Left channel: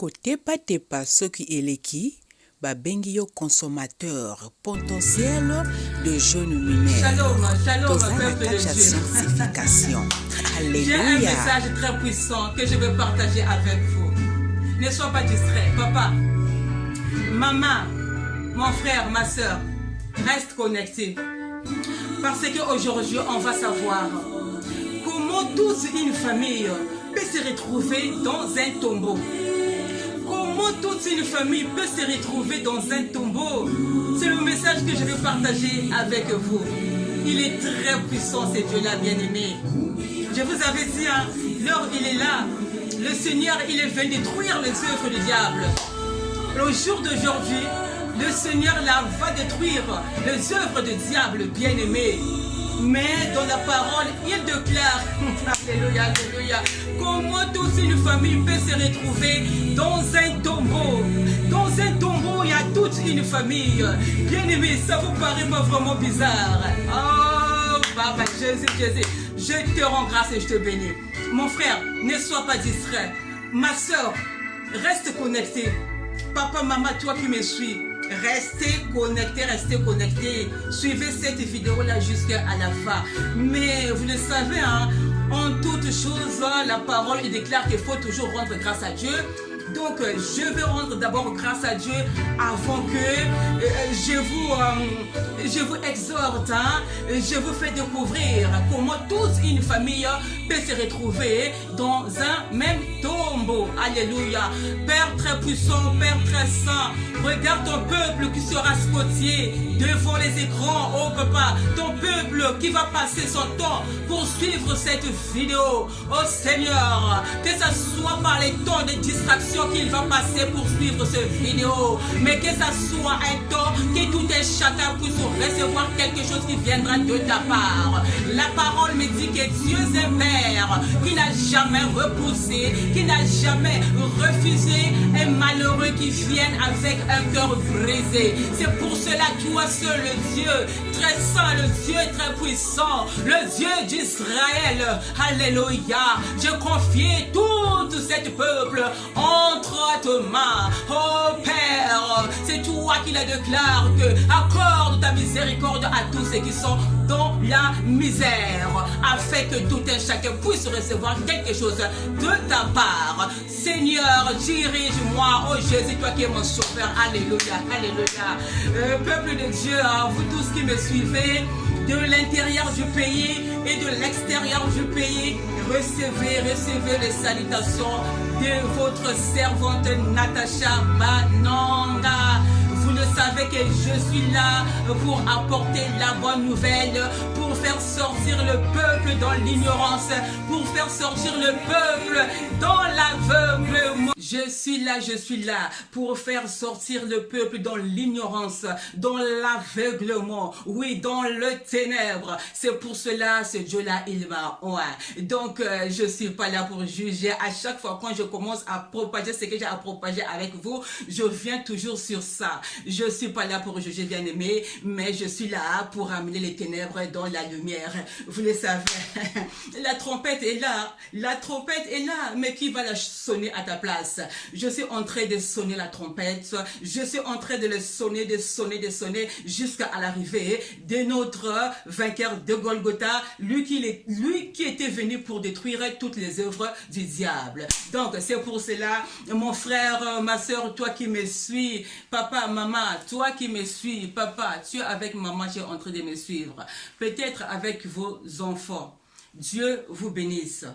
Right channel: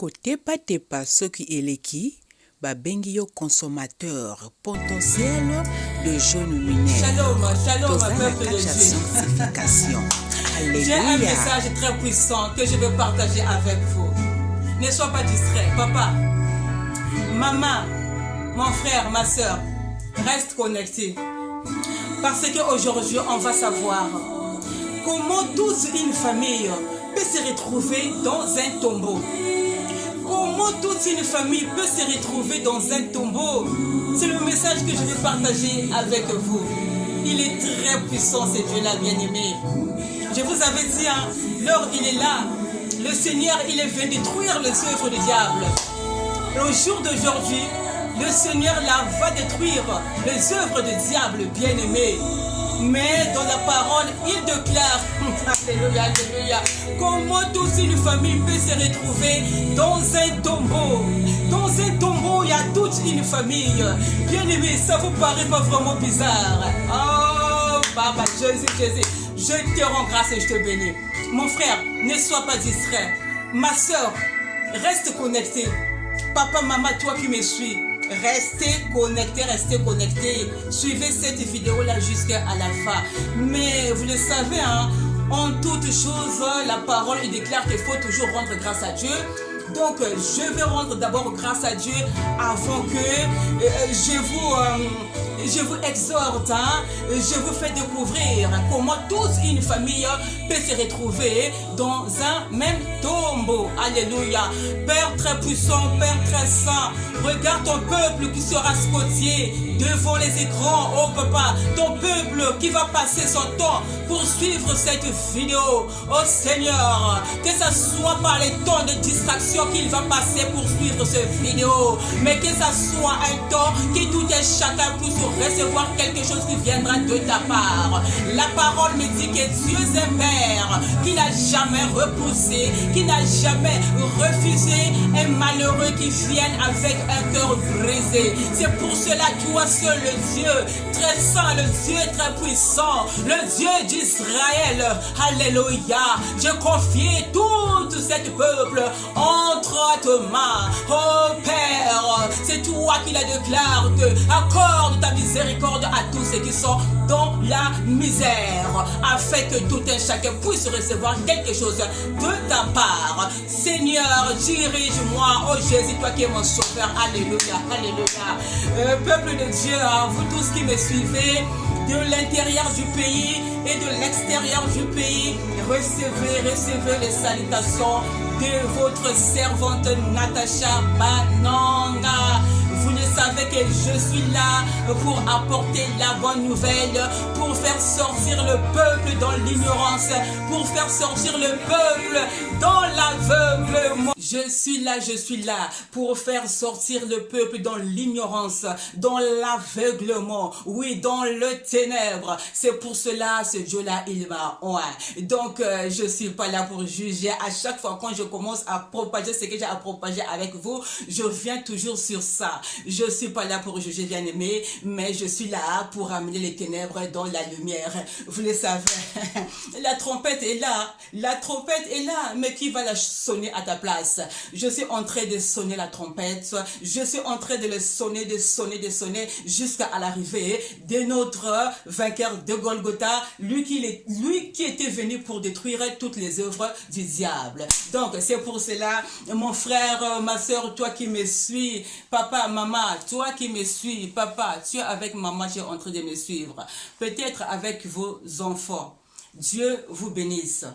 Kotepa soki eleki, babengi yo consommateur potentiel de jeunes mineurs. Shalom, peuple de Dieu. Sanctification. Alléluia. J'ai un message très puissant que je veux partager avec vous. Ne sois pas distrait, papa, maman, mon frère, ma soeur, reste connecté. Parce qu'aujourd'hui, on va savoir comment toute une famille peut se retrouver dans un tombeau. Comment toute une famille peut se retrouver dans un tombeau. C'est le message que je vais partager avec vous. Il est très puissant, ce Dieu-là, bien-aimé. Je vous avais dit, l'heure il est là. Le Seigneur, il est venu détruire les œuvres du diable. Et au jour d'aujourd'hui, le Seigneur là va détruire les œuvres du diable, bien-aimé. Mais dans la parole, il déclare, alléluia, alléluia, comment toute une famille peut se retrouver dans un tombeau. Dans un tombeau, il y a toute une famille. Bien-aimé, ça vous paraît pas vraiment bizarre? Oh, Papa, Jésus, je te rends grâce et je te bénis. Mon frère, ne sois pas distrait. Ma soeur, reste connecté. Papa, maman, toi qui me suis, restez connectés. Suivez cette vidéo-là jusqu'à la fin. Mais vous le savez, en toute chose, la parole déclare qu'il faut toujours rendre grâce à Dieu. Donc, je vais rendre d'abord grâce à Dieu avant que je vous exhorte, je vous fais découvrir comment toute une famille peut se retrouver dans un même tombeau. Alléluia. Père très puissant, Père très saint, regarde ton peuple qui sera scottier devant les écrans. Oh papa, ton peuple qui va passer son temps pour suivre cette vidéo. Oh Seigneur, que ça soit par les temps de distraction qu'il va passer pour suivre cette vidéo, mais que ça soit un temps que tout un chacun puisse recevoir quelque chose qui viendra de ta part. La parole me dit que Dieu est un Père qui n'a jamais repoussé, qui n'a jamais refusé un malheureux qui vienne avec un cœur brisé. C'est pour cela, toi seul, le Dieu très saint, le Dieu très puissant, le Dieu d'Israël, alléluia, je confie tout cet peuple entre tes mains. Oh Père, c'est toi qui la déclare que accorde ta miséricorde à tous ceux qui sont dans la misère, afin que tout un chacun puisse recevoir quelque chose de ta part. Seigneur, dirige-moi, oh Jésus, toi qui es mon sauveur, alléluia, alléluia. Peuple de Dieu, vous tous qui me suivez, de l'intérieur du pays et de l'extérieur du pays, recevez les salutations de votre servante Natacha Bananga. Vous le savez que je suis là pour apporter la bonne nouvelle, pour faire sortir le peuple dans l'ignorance, pour faire sortir le peuple dans l'aveuglement. Je suis là pour faire sortir le peuple dans l'ignorance, dans l'aveuglement, oui, dans le ténèbre. C'est pour cela, ce Dieu-là, il m'a oint. Donc, je suis pas là pour juger. À chaque fois, quand je commence à propager ce que j'ai à propager avec vous, je reviens toujours sur ça. Je suis pas là pour juger, bien-aimé, mais je suis là pour amener les ténèbres dans la lumière. Vous le savez, la trompette est là, mais qui va la sonner à ta place? Je suis en train de sonner la trompette, je suis en train de le sonner, de sonner jusqu'à l'arrivée de notre vainqueur de Golgotha, lui qui était venu pour détruire toutes les œuvres du diable. Donc c'est pour cela, mon frère, ma soeur, toi qui me suis, papa, maman, toi qui me suis, papa, tu es avec maman, tu es en train de me suivre, peut-être avec vos enfants. Dieu vous bénisse.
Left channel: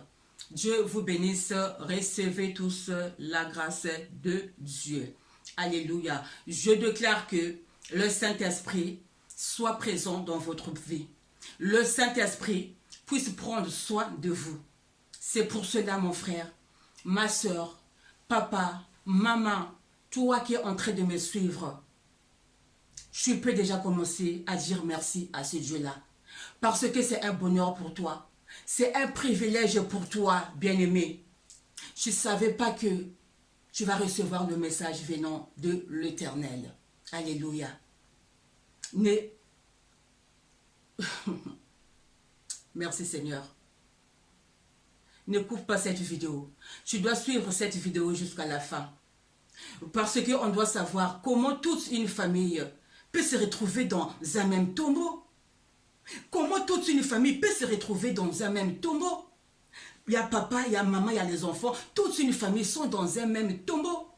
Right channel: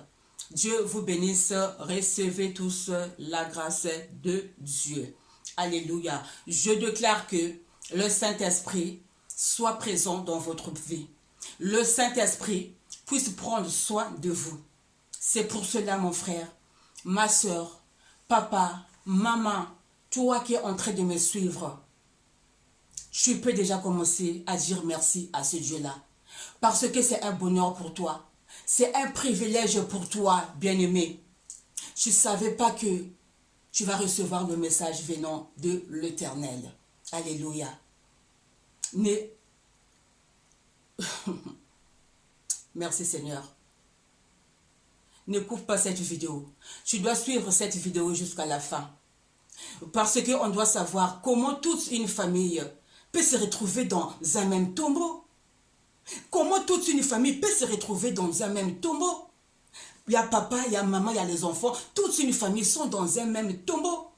Dieu vous bénisse, recevez tous la grâce de Dieu. Alléluia. Je déclare que le Saint-Esprit soit présent dans votre vie. Le Saint-Esprit puisse prendre soin de vous. C'est pour cela, mon frère, ma soeur, papa, maman, toi qui es en train de me suivre, tu peux déjà commencer à dire merci à ce Dieu-là. Parce que c'est un bonheur pour toi. C'est un privilège pour toi, bien-aimé. Tu ne savais pas que tu vas recevoir le message venant de l'Éternel. Alléluia. Merci Seigneur. Ne coupe pas cette vidéo. Tu dois suivre cette vidéo jusqu'à la fin. Parce qu'on doit savoir comment toute une famille peut se retrouver dans un même tombeau. Comment toute une famille peut se retrouver dans un même tombeau. Il y a papa, il y a maman, il y a les enfants. Toute une famille sont dans un même tombeau.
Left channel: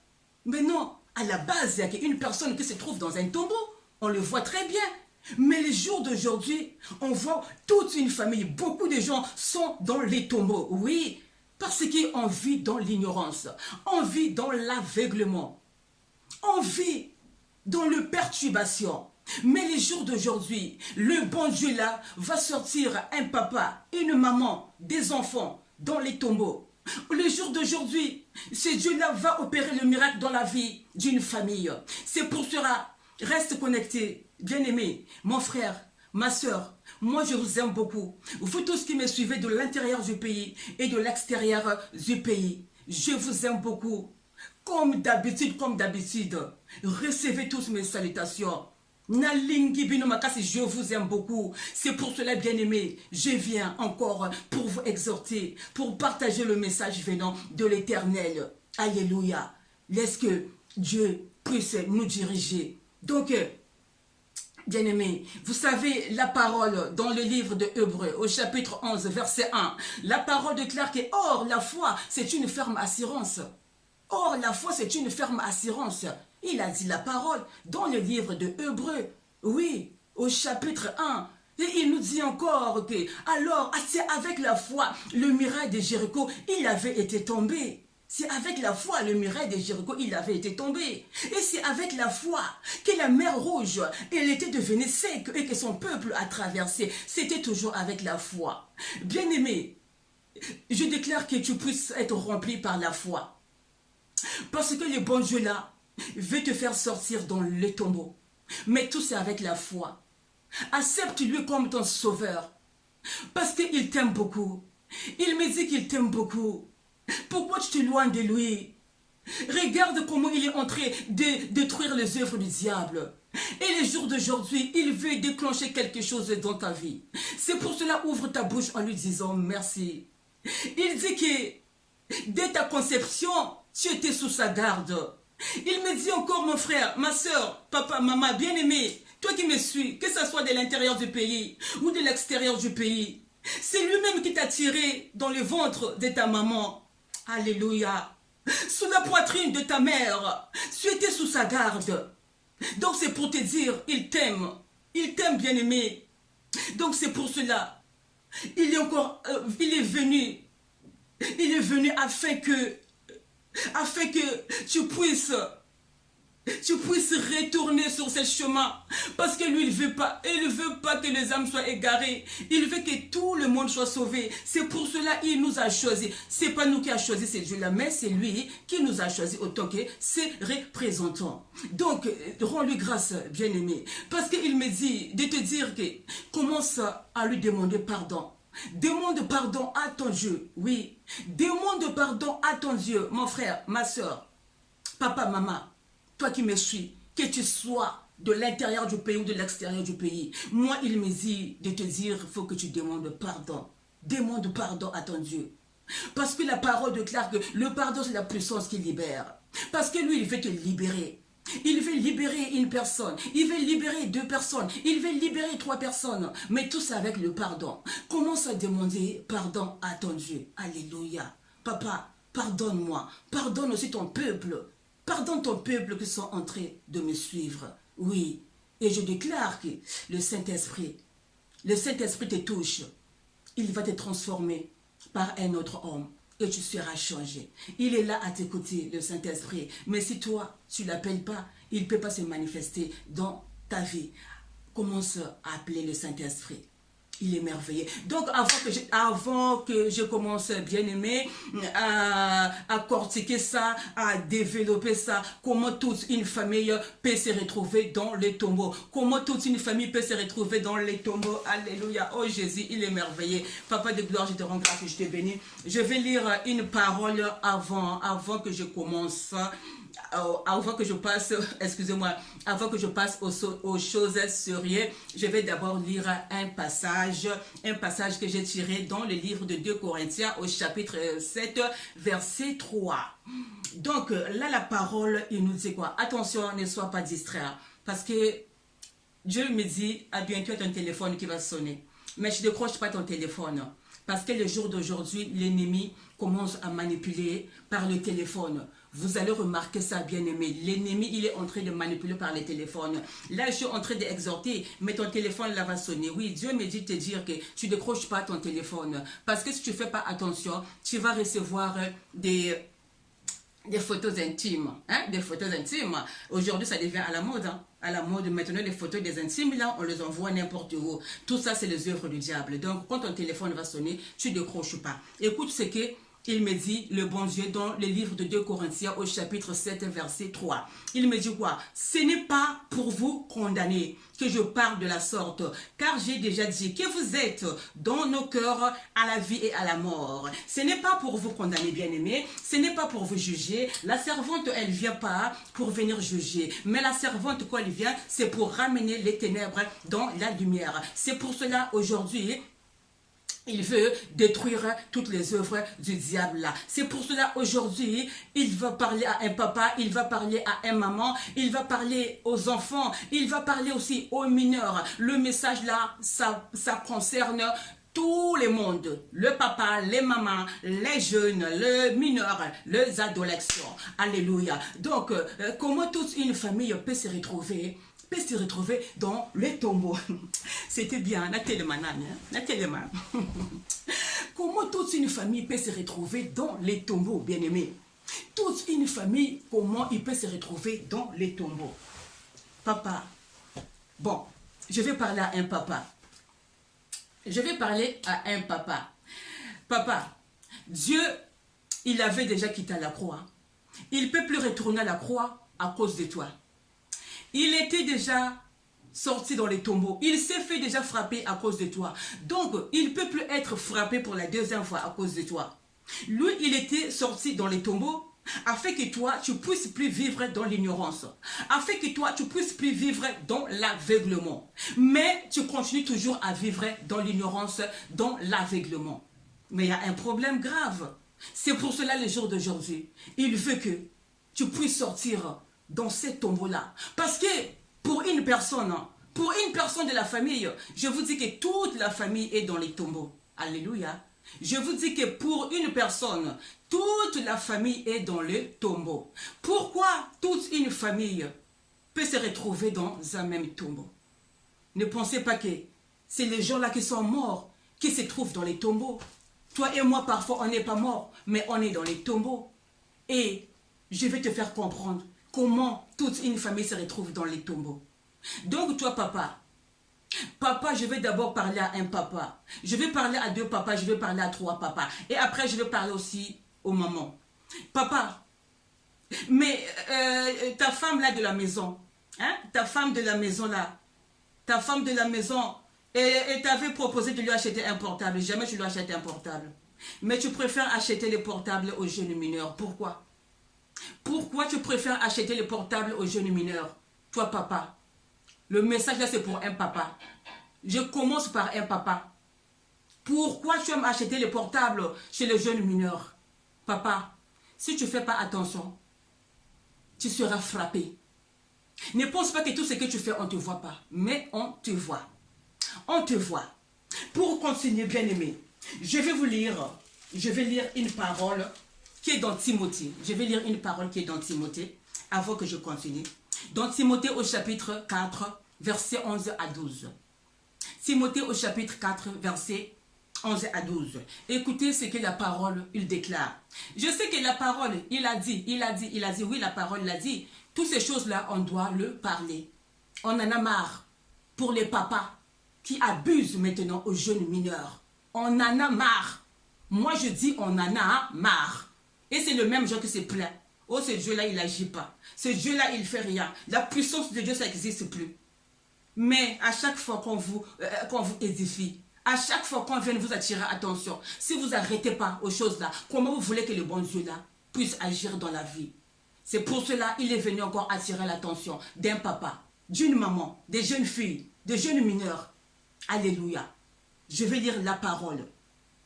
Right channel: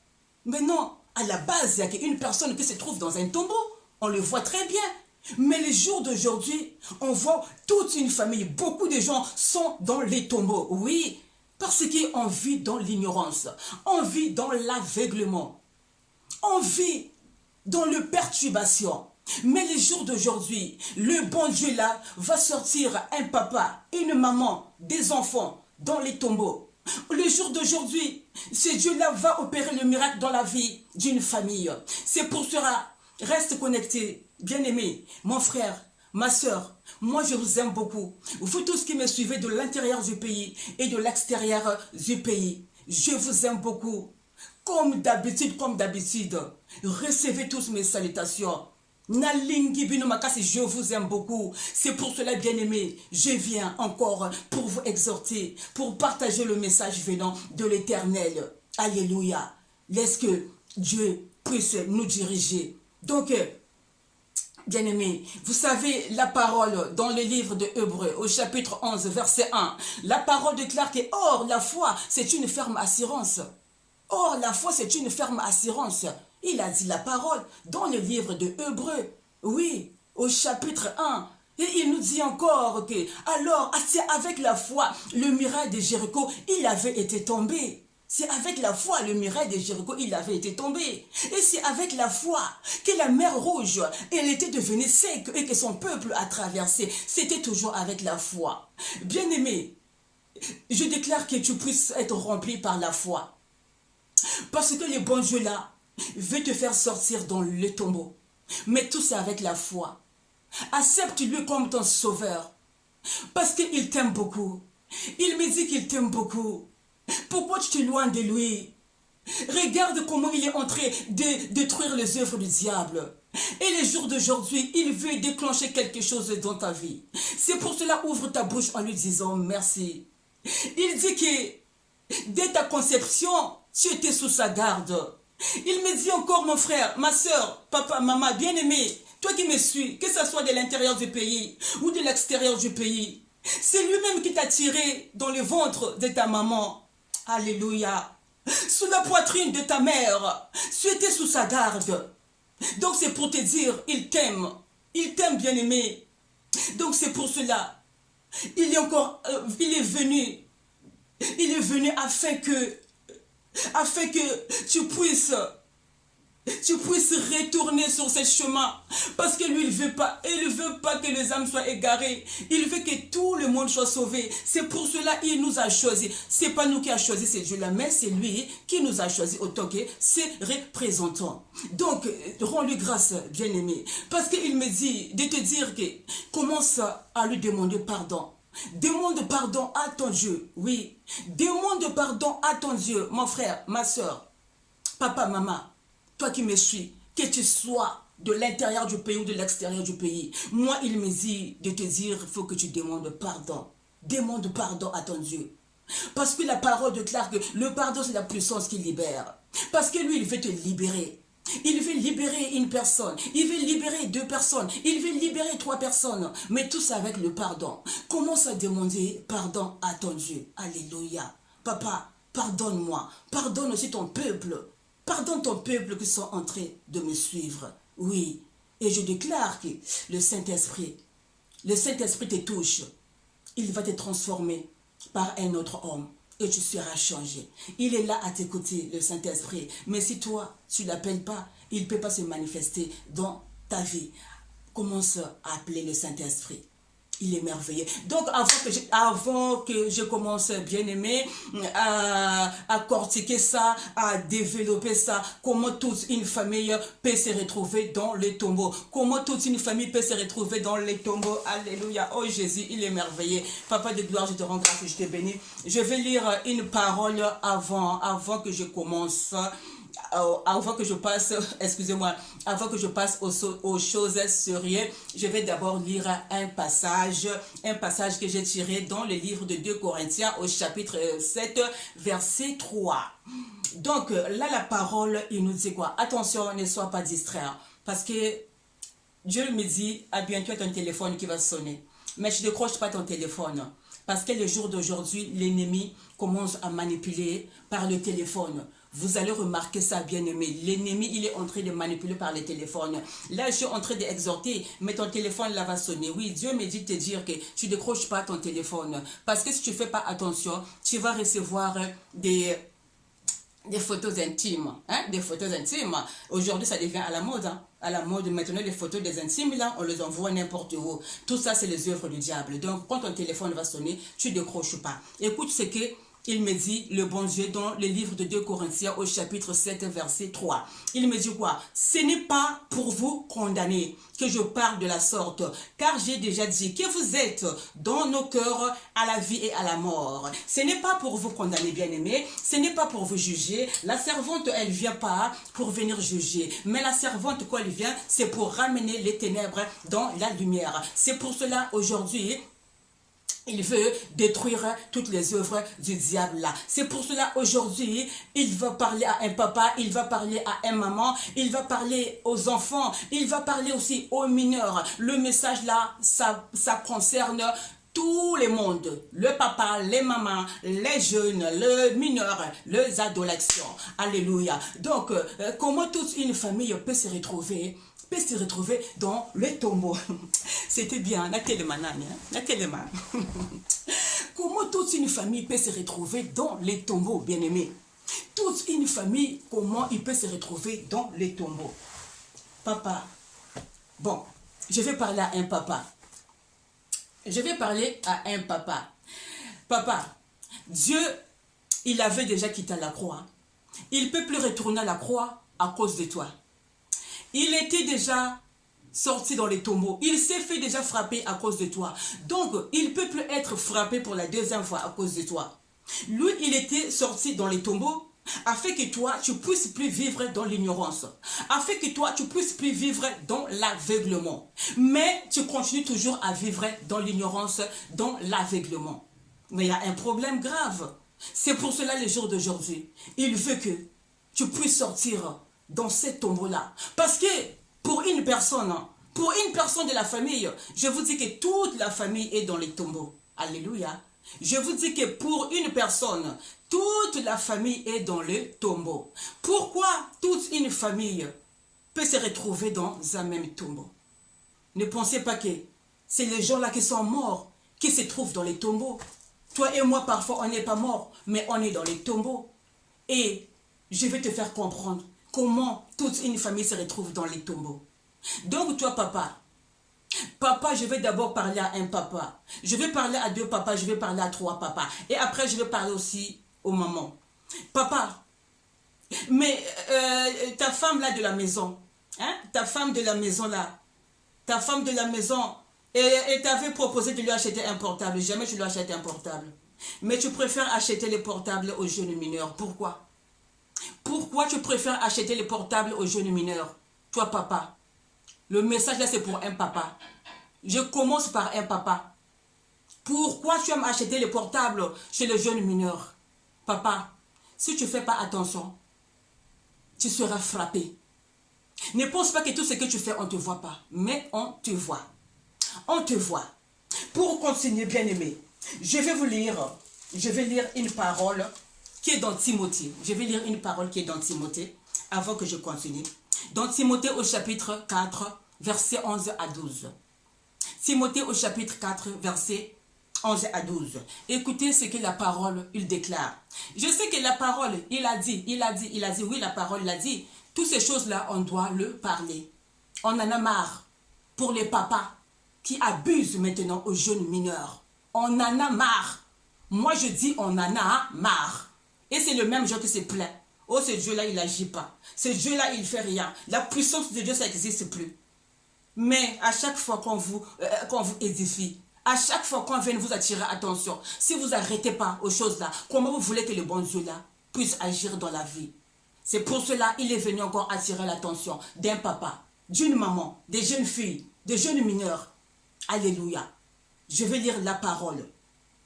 Mais non, à la base, il y a une personne qui se trouve dans un tombeau. On le voit très bien. Mais les jours d'aujourd'hui, on voit toute une famille. Beaucoup de gens sont dans les tombeaux. Oui, parce qu'on vit dans l'ignorance. On vit dans l'aveuglement. On vit dans le perturbation. Mais les jours d'aujourd'hui, le bon Dieu là va sortir un papa, une maman, des enfants dans les tombeaux. Le jour d'aujourd'hui, ce Dieu-là va opérer le miracle dans la vie d'une famille. C'est pour cela, reste connecté, bien-aimé, mon frère, ma soeur. Moi, je vous aime beaucoup. Vous tous qui me suivez de l'intérieur du pays et de l'extérieur du pays, je vous aime beaucoup. Comme d'habitude, recevez tous mes salutations. Nalingi Bino Makasi, je vous aime beaucoup. C'est pour cela, bien-aimé, je viens encore pour vous exhorter, pour partager le message venant de l'Éternel. Alléluia. Laisse que Dieu puisse nous diriger. Donc, bien-aimé, vous savez la parole dans le livre de Hébreux, au chapitre 11, verset 1. La parole déclare que, or, la foi, c'est une ferme assurance. Or, la foi, c'est une ferme assurance. Il a dit la parole dans le livre de Hébreux, oui, au chapitre 1. Et il nous dit encore que, alors, c'est avec la foi, le muraille de Jéricho, il avait été tombé. C'est avec la foi, le muraille de Jéricho, il avait été tombé. Et c'est avec la foi que la mer Rouge, elle était devenue sec et que son peuple a traversé. C'était toujours avec la foi. Bien-aimé, je déclare que tu puisses être rempli par la foi. Parce que le bon Dieu là veut te faire sortir dans le tombeau. Mais tout c'est avec la foi. Accepte-lui comme ton sauveur. Parce qu'il t'aime beaucoup. Il me dit qu'il t'aime beaucoup. Pourquoi tu t'éloignes de lui? Regarde comment il est en train de détruire les œuvres du diable. Et les jours d'aujourd'hui, il veut déclencher quelque chose dans ta vie. C'est pour cela, ouvre ta bouche en lui disant merci. Il dit que dès ta conception, tu étais sous sa garde. Il me dit encore, mon frère, ma soeur, papa, maman, bien-aimé, toi qui me suis, que ce soit de l'intérieur du pays ou de l'extérieur du pays, c'est lui-même qui t'a tiré dans le ventre de ta maman. Alléluia. Sous la poitrine de ta mère, tu étais sous sa garde. Donc c'est pour te dire, il t'aime bien-aimé. Donc c'est pour cela, il est venu afin que tu puisses retourner sur ce chemin. Parce que lui, il veut pas que les âmes soient égarées. Il veut que tout le monde soit sauvé. C'est pour cela qu'il nous a choisis. C'est pas nous qui a choisi ce Dieu-là, mais c'est lui qui nous a choisis autant que ses représentants. Donc, rends-lui grâce, bien-aimé. Parce qu'il me dit de te dire que commence à lui demander pardon. Demande pardon à ton Dieu, oui. Demande pardon à ton Dieu, mon frère, ma soeur, papa, maman, toi qui me suis, que tu sois de l'intérieur du pays ou de l'extérieur du pays. Moi, il me dit de te dire, il faut que tu demandes pardon. Demande pardon à ton Dieu. Parce que la parole déclare que le pardon, c'est la puissance qui libère. Parce que lui, il veut te libérer. Il veut libérer une personne, il veut libérer 2 personnes, il veut libérer 3 personnes, mais tout ça avec le pardon. Commence à demander pardon à ton Dieu. Alléluia. Papa, pardonne-moi, pardonne aussi ton peuple, pardonne ton peuple qui sont en train de me suivre. Oui, et je déclare que le Saint-Esprit te touche, il va te transformer par un autre homme. Et tu seras changé. Il est là à t'écouter, le Saint-Esprit. Mais si toi, tu ne l'appelles pas, il ne peut pas se manifester dans ta vie. Commence à appeler le Saint-Esprit. Il est merveilleux. Donc, avant que je commence, bien-aimé, à cortiquer ça, à développer ça, comment toute une famille peut se retrouver dans les tombeaux. Comment toute une famille peut se retrouver dans les tombeaux. Alléluia. Oh Jésus, il est merveilleux. Papa de gloire, je te rends grâce et je te bénis. Je vais lire une parole avant que je commence. avant que je passe, excusez-moi, avant que je passe aux choses sérieuses, je vais d'abord lire un passage que j'ai tiré dans le livre de 2 Corinthiens au chapitre 7, verset 3. Donc là, la parole, il nous dit quoi? Attention, ne sois pas distrait, parce que Dieu me dit, à bientôt ton téléphone qui va sonner. Mais je ne décroche pas ton téléphone. Parce que le jour d'aujourd'hui, l'ennemi commence à manipuler par le téléphone. Vous allez remarquer ça, bien-aimé. L'ennemi, il est en train de manipuler par le téléphone. Là, je suis en train d'exhorter, mais ton téléphone là va sonner. Oui, Dieu me dit de te dire que tu ne décroches pas ton téléphone. Parce que si tu ne fais pas attention, tu vas recevoir des photos intimes, des photos intimes. Aujourd'hui, ça devient à la mode, à la mode. Maintenant, les photos des intimes, là, on les envoie n'importe où. Tout ça, c'est les œuvres du diable. Donc, quand ton téléphone va sonner, tu ne décroches pas. Écoute ce que il me dit, le bon Dieu, dans le livre de 2 Corinthiens, au chapitre 7, verset 3. Il me dit quoi? Ce n'est pas pour vous condamner que je parle de la sorte, car j'ai déjà dit que vous êtes dans nos cœurs à la vie et à la mort. Ce n'est pas pour vous condamner, bien-aimés, ce n'est pas pour vous juger. La servante, elle ne vient pas pour venir juger, mais la servante, quand elle vient, c'est pour ramener les ténèbres dans la lumière. C'est pour cela, aujourd'hui, il veut détruire toutes les œuvres du diable là. C'est pour cela aujourd'hui, il va parler à un papa, il va parler à un maman, il va parler aux enfants, il va parler aussi aux mineurs. Le message là, ça concerne tout le monde. Le papa, les mamans, les jeunes, les mineurs, les adolescents. Alléluia. Donc, comment toute une famille peut se retrouver dans le tombeau? C'était bien, la tellement. Comment toute une famille peut se retrouver dans les tombeaux, bien-aimés? Toute une famille, comment il peut se retrouver dans les tombeaux? Papa, bon, je vais parler à un papa. Papa, Dieu, il avait déjà quitté la croix. Il ne peut plus retourner à la croix à cause de toi. Il était déjà sorti dans les tombeaux. Il s'est fait déjà frapper à cause de toi. Donc, il ne peut plus être frappé pour la deuxième fois à cause de toi. Lui, il était sorti dans les tombeaux afin que toi, tu ne puisses plus vivre dans l'ignorance. Afin que toi, tu ne puisses plus vivre dans l'aveuglement. Mais tu continues toujours à vivre dans l'ignorance, dans l'aveuglement. Mais il y a un problème grave. C'est pour cela, les jours d'aujourd'hui, il veut que tu puisses sortir dans ces tombeaux-là. Parce que pour une personne de la famille, je vous dis que toute la famille est dans les tombeaux. Alléluia. Je vous dis que pour une personne, toute la famille est dans le tombeau. Pourquoi toute une famille peut se retrouver dans un même tombeau? Ne pensez pas que c'est les gens-là qui sont morts qui se trouvent dans les tombeaux. Toi et moi, parfois, on n'est pas morts, mais on est dans les tombeaux. Et je vais te faire comprendre comment toute une famille se retrouve dans les tombeaux. Donc toi, papa, je vais d'abord parler à un papa. Je vais parler à 2 papas, je vais parler à 3 papas. Et après, je vais parler aussi aux mamans. Papa, mais ta femme là de la maison, ta femme de la maison là, et t'avais proposé de lui acheter un portable. Jamais je lui achète un portable. Mais tu préfères acheter les portables aux jeunes mineurs. Pourquoi? Pourquoi tu préfères acheter les portables aux jeunes mineurs? Toi, papa, le message là, c'est pour un papa. Je commence par un papa. Pourquoi tu aimes acheter les portables chez les jeunes mineurs? Papa, si tu ne fais pas attention, tu seras frappé. Ne pense pas que tout ce que tu fais, on ne te voit pas. Mais on te voit. On te voit. Pour continuer, bien-aimé, je vais lire une parole qui est dans Timothée. Je vais lire une parole qui est dans Timothée avant que je continue. Dans Timothée au chapitre 4, versets 11 à 12. Timothée au chapitre 4, versets 11 à 12. Écoutez ce que la parole, il déclare. Je sais que la parole, il a dit, oui, la parole l'a dit. Toutes ces choses-là, on doit le parler. On en a marre pour les papas qui abusent maintenant aux jeunes mineurs. On en a marre. Moi, je dis on en a marre. Et c'est le même Dieu qui se plaint. Oh, ce Dieu-là, il n'agit pas. Ce Dieu-là, il ne fait rien. La puissance de Dieu, ça n'existe plus. Mais à chaque fois qu'on vous édifie, à chaque fois qu'on vient vous attirer attention, si vous n'arrêtez pas aux choses-là, comment vous voulez que le bon Dieu-là puisse agir dans la vie? C'est pour cela qu'il est venu encore attirer l'attention d'un papa, d'une maman, des jeunes filles, des jeunes mineurs. Alléluia. Je vais lire la parole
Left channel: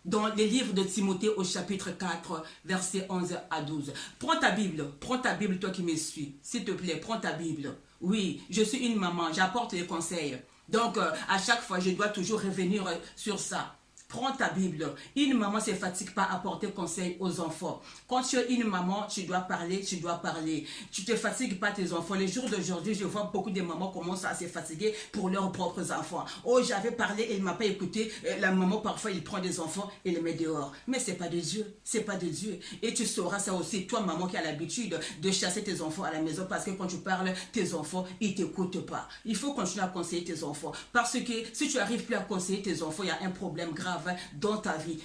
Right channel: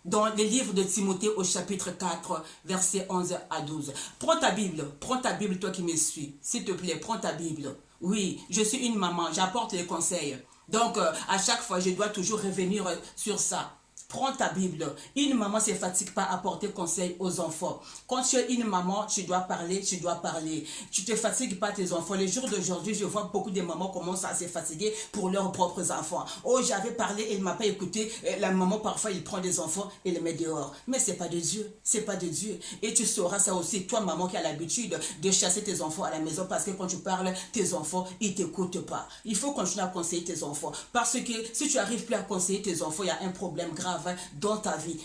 dans les livres de Timothée au chapitre 4, versets 11 à 12. Prends ta Bible, toi qui me suis. S'il te plaît, prends ta Bible. Oui, je suis une maman, j'apporte les conseils. Donc, à chaque fois, je dois toujours revenir sur ça. Prends ta Bible. Une maman ne se fatigue pas à porter conseil aux enfants. Quand tu es une maman, tu dois parler, tu dois parler. Tu ne te fatigues pas tes enfants. Les jours d'aujourd'hui, je vois beaucoup de mamans commencent à se fatiguer pour leurs propres enfants. Oh, j'avais parlé, elle ne m'a pas écouté. La maman, parfois, il prend des enfants et les met dehors. Mais ce n'est pas de Dieu. Ce n'est pas de Dieu. Et tu sauras ça aussi, toi, maman, qui a l'habitude de chasser tes enfants à la maison parce que quand tu parles, tes enfants, ils ne t'écoutent pas. Il faut continuer à conseiller tes enfants. Parce que si tu n'arrives plus à conseiller tes enfants, il y a un problème grave dans ta vie.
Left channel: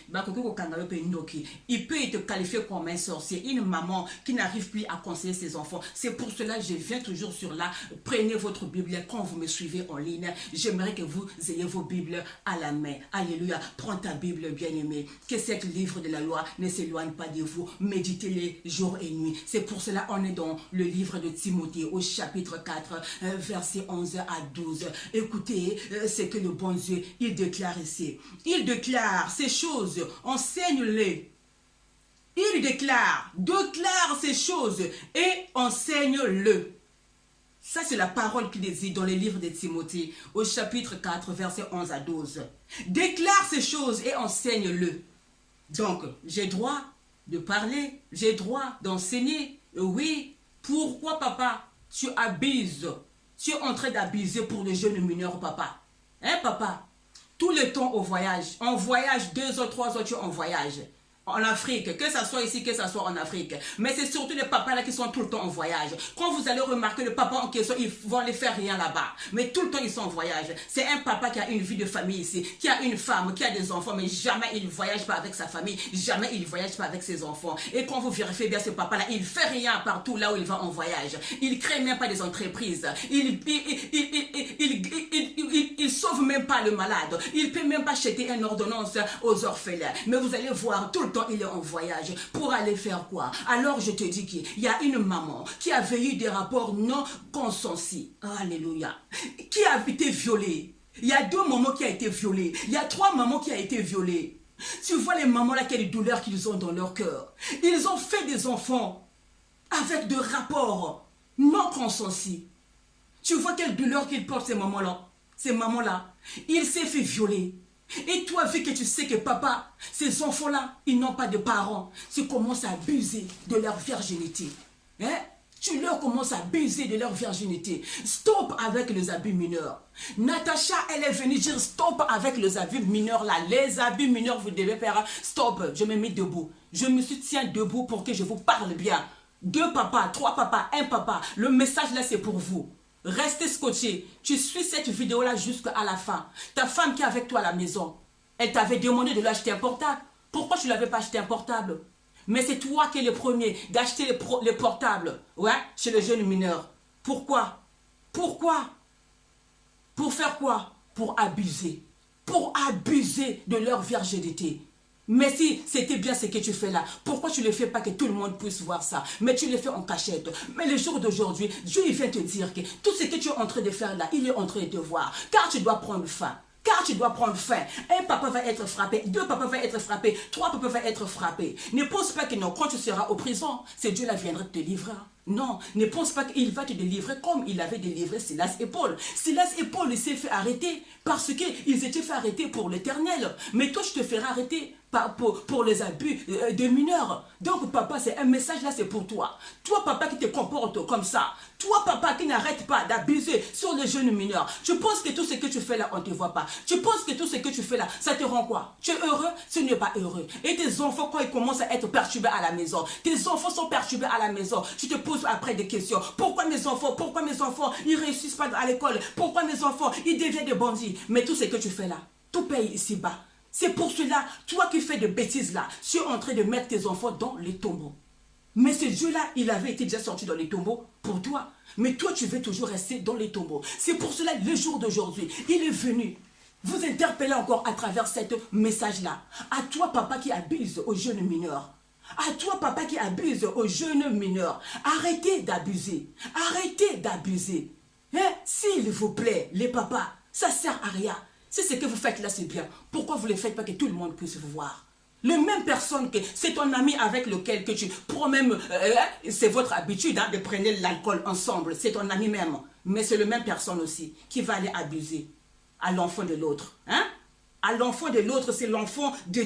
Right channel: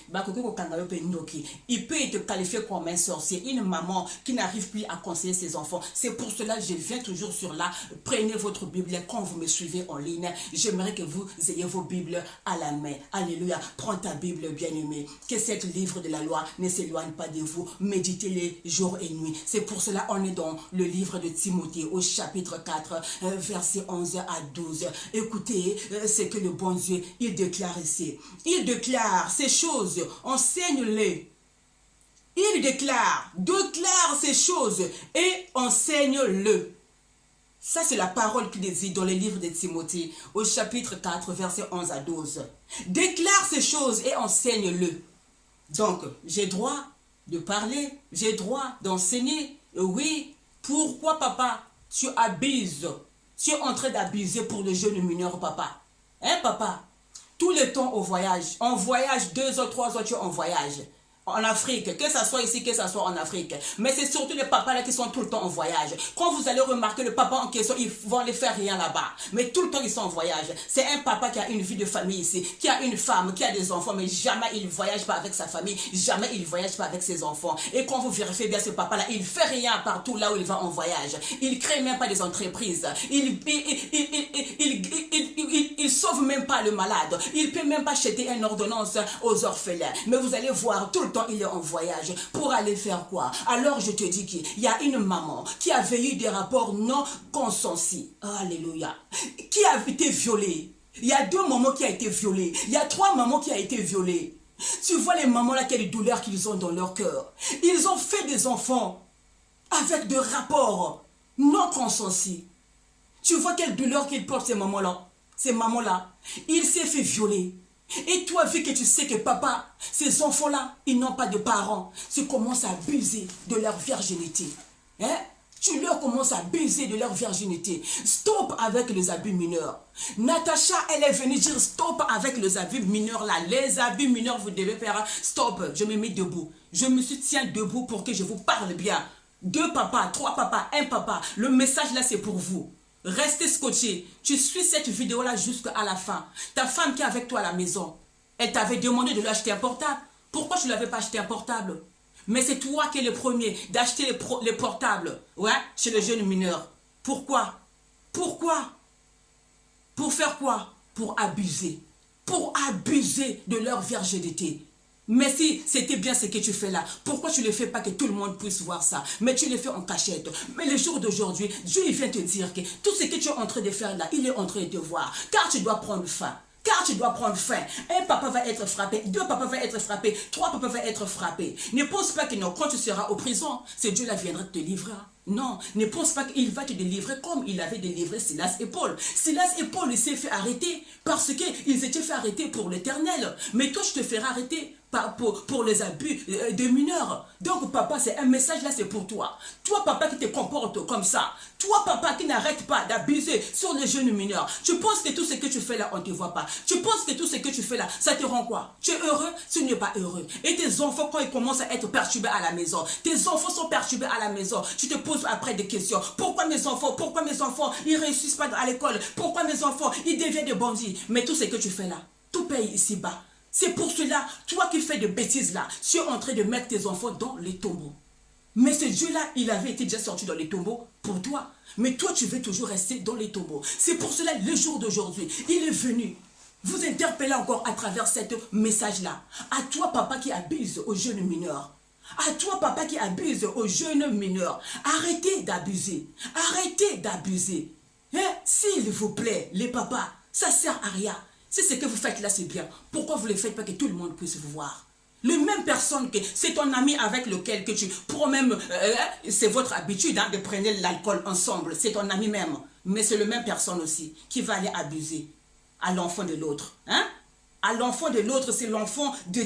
Il peut te qualifier comme un sorcier, une maman qui n'arrive plus à conseiller ses enfants. C'est pour cela que je viens toujours sur là. Prenez votre Bible quand vous me suivez en ligne. J'aimerais que vous ayez vos Bibles à la main. Alléluia. Prends ta Bible, bien-aimée. Que cet livre de la loi ne s'éloigne pas de vous. Méditez-les jour et nuit. C'est pour cela qu'on est dans le livre de Timothée au chapitre 4, versets 11 à 12. Écoutez ce que le bon Dieu, il déclare ici. Il déclare ces choses, enseigne-les. Il déclare ces choses et enseigne-le. Ça, c'est la parole qu'il dit dans le livre de Timothée, au chapitre 4, versets 11 à 12. Déclare ces choses et enseigne-le. Donc, j'ai droit de parler, j'ai droit d'enseigner. Oui, pourquoi, papa, tu abuses? Tu es en train d'abuser pour le jeune mineur, papa. Hein, papa? Tout le temps au voyage. On voyage 2 heures, 3 heures, tu es en voyage. En Afrique, que ça soit ici, que ça soit en Afrique. Mais c'est surtout les papas là qui sont tout le temps en voyage. Quand vous allez remarquer le papa en question, ils vont aller faire rien là-bas. Mais tout le temps, ils sont en voyage. C'est un papa qui a une vie de famille ici, qui a une femme, qui a des enfants, mais jamais il ne voyage pas avec sa famille, jamais il ne voyage pas avec ses enfants. Et quand vous vérifiez bien ce papa-là, il ne fait rien partout là où il va en voyage. Il ne crée même pas des entreprises. Il sauve même pas le malade. Il ne peut même pas acheter une ordonnance aux orphelins. Mais vous allez voir, tout le temps, il est en voyage. Pour aller faire quoi? Alors, je te dis qu'il y a une maman qui avait eu des rapports non consentis. Alléluia. Qui a été violée. Il y a 2 mamans qui ont été violées. Il y a 3 mamans qui ont été violées. Tu vois les mamans là, quelle douleur qu'ils ont dans leur cœur. Ils ont fait des enfants avec des rapports non consentis. Tu vois quelle douleur qu'ils portent ces mamans-là. Ces mamans-là, il s'est fait violer. Et toi, vu que tu sais que papa, ces enfants-là, ils n'ont pas de parents, tu commences à abuser de leur virginité. Hein? Tu leur commences à abuser de leur virginité. Stop avec les abus mineurs. Natacha, elle est venue dire stop avec les abus mineurs là. Les abus mineurs, vous devez faire stop. Je me mets debout. Je me tiens debout pour que je vous parle bien. 2 papas, 3 papas, 1 papa. Le message là, c'est pour vous. Restez scotché. Tu suis cette vidéo-là jusqu'à la fin. Ta femme qui est avec toi à la maison, elle t'avait demandé de lui acheter un portable. Pourquoi tu ne l'avais pas acheté un portable? Mais c'est toi qui es le premier d'acheter les portables, ouais, chez les jeunes mineurs. Pourquoi? Pourquoi? Pour faire quoi? Pour abuser. Pour abuser de leur virginité. Mais si c'était bien ce que tu fais là, pourquoi tu ne le fais pas que tout le monde puisse voir ça? Mais tu le fais en cachette. Mais le jour d'aujourd'hui, Dieu il vient te dire que tout ce que tu es en train de faire là, il est en train de te voir. Car tu dois prendre faim. Car tu dois prendre faim. 1 papa va être frappé, 2 papas vont être frappés, 3 papas vont être frappés. Ne pense pas que non, quand tu seras en prison, c'est Dieu là viendra te livrer. Non, ne pense pas qu'il va te délivrer comme il avait délivré Silas et Paul. Silas et Paul, ils s'est fait arrêter parce qu'ils étaient fait arrêter pour l'éternel. Mais toi, je te ferai arrêter pour les abus de mineurs. Donc, papa, c'est un message là, c'est pour toi. Toi, papa, qui te comporte comme ça. Toi, papa, qui n'arrête pas d'abuser sur les jeunes mineurs. Tu penses que tout ce que tu fais là, on ne te voit pas. Tu penses que tout ce que tu fais là, ça te rend quoi? Tu es heureux? Tu n'es pas heureux. Et tes enfants, quand ils commencent à être perturbés à la maison, tes enfants sont perturbés à la maison, tu te poses après des questions. Pourquoi mes enfants, ils réussissent pas à l'école? Pourquoi mes enfants, ils deviennent des bandits? Mais tout ce que tu fais là, tout paye ici-bas. C'est pour cela, toi qui fais des bêtises là, tu es en train de mettre tes enfants dans les tombeaux. Mais ce Dieu-là, il avait été déjà sorti dans les tombeaux pour toi. Mais toi, tu veux toujours rester dans les tombeaux. C'est pour cela, le jour d'aujourd'hui, il est venu vous interpeller encore à travers ce message-là. À toi, papa, qui abuse aux jeunes mineurs. À toi, papa, qui abuse aux jeunes mineurs, arrêtez d'abuser. Arrêtez d'abuser. Hein? S'il vous plaît, les papas, ça sert à rien. Si ce que vous faites là, c'est bien. Pourquoi vous ne le faites pas que tout le monde puisse vous voir? Le même personne que c'est ton ami avec lequel que tu prends même, c'est votre habitude hein, de prendre l'alcool ensemble. C'est ton ami même. Mais c'est le même personne aussi qui va aller abuser à l'enfant de l'autre. Hein? À l'enfant de l'autre, c'est l'enfant de